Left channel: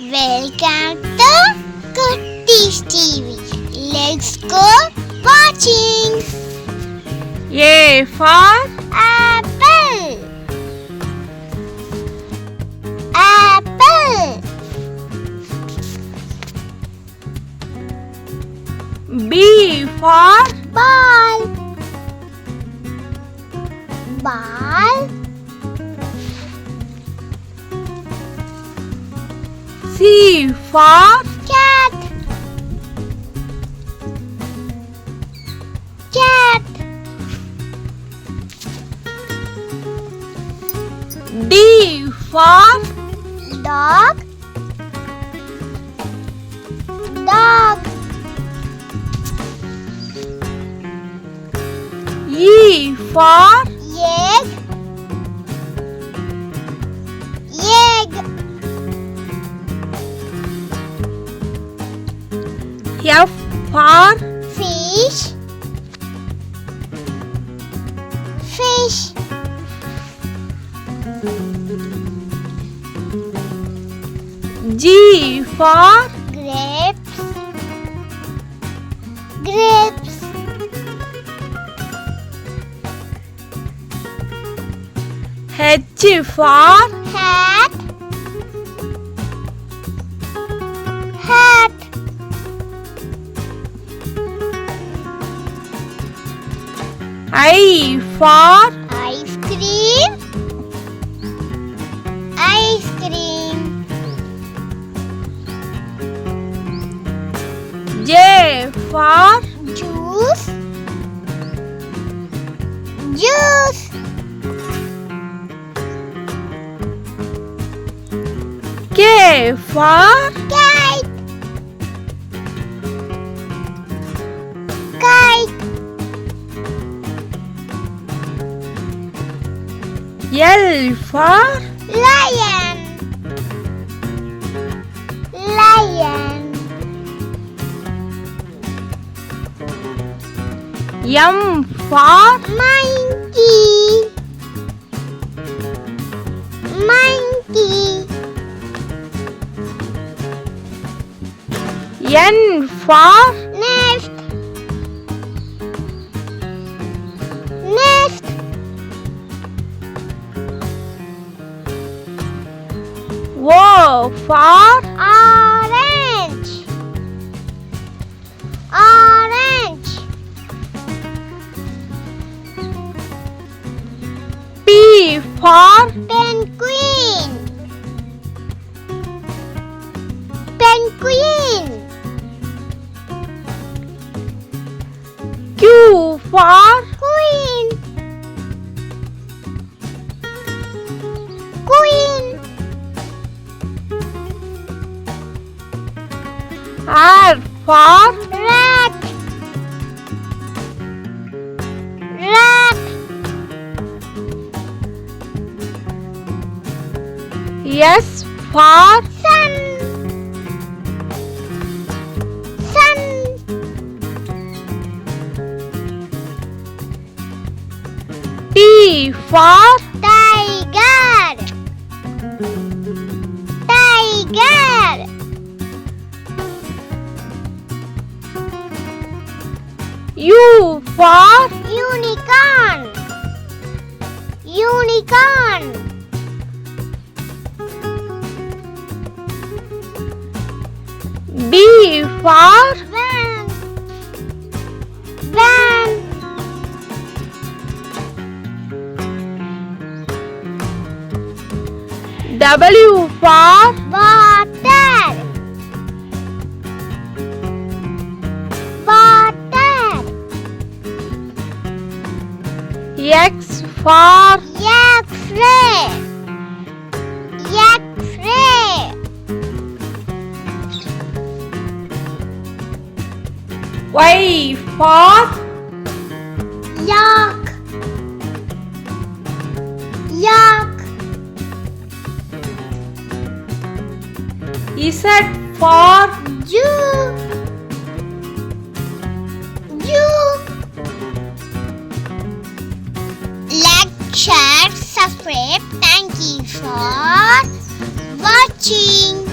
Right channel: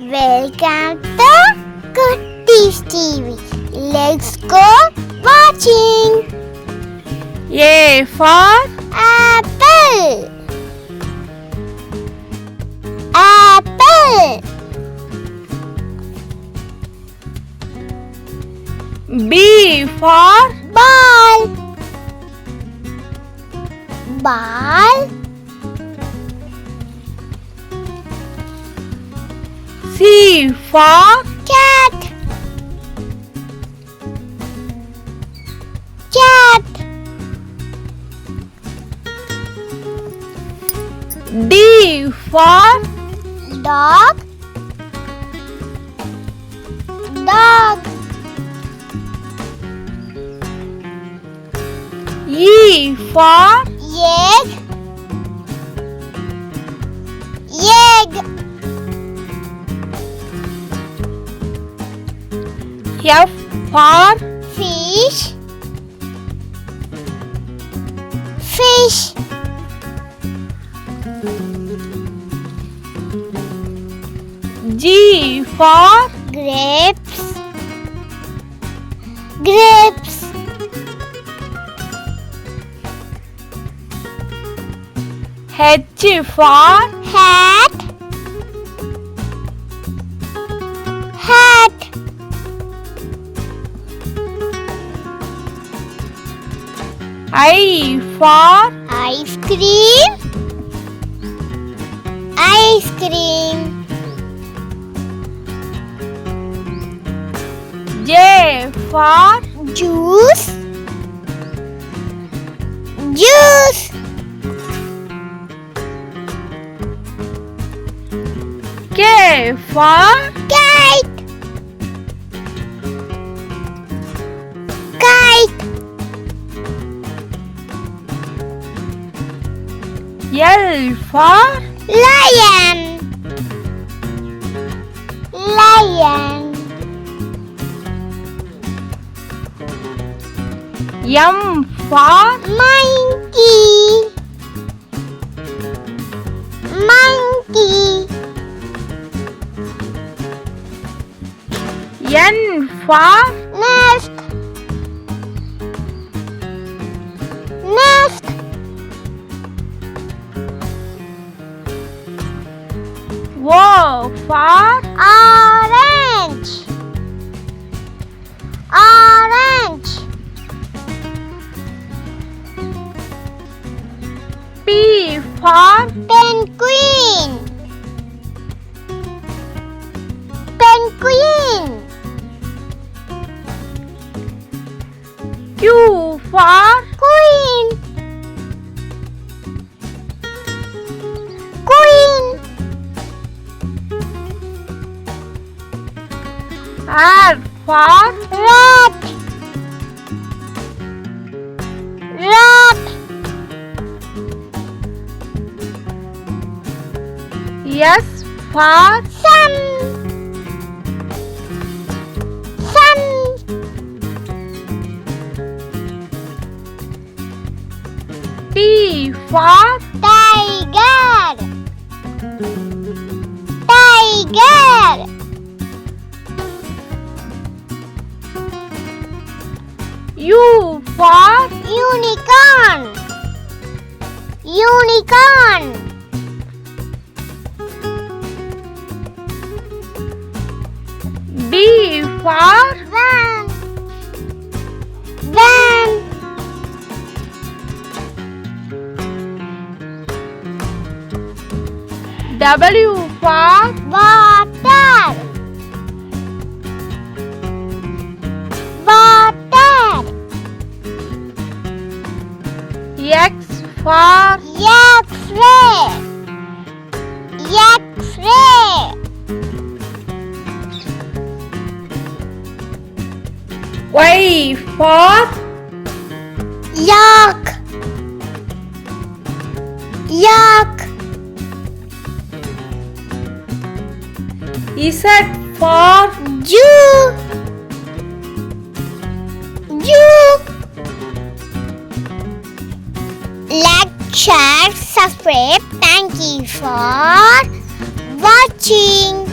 Welcome to Kutties TV. Let's go watching. A for Apple. Apple. B for Ball. Ball. C for Cat. Cat. D for Dog. Dog. E for Egg. Egg. F for Fish. Fish. G for Grapes. Grapes. H for Hat. Hat. I for Ice cream. Ice cream. J for Juice. Juice. K for Kite. Kite. L for Lion. Lion. M for Monkey. Monkey. N for Nest. Nest. O for Orange. Orange. P for Penguin. Penguin. Q for Queen. Queen. R for Rat. Rat. S for Sun. Sun. T for Tiger. Tiger. U for Unicorn. Unicorn. V for Van. Van. W for Water. Water. X for X-ray. X-ray. Y for Yak. Yak. Z for Jew. Jew. Like, share, subscribe. Thank you for watching.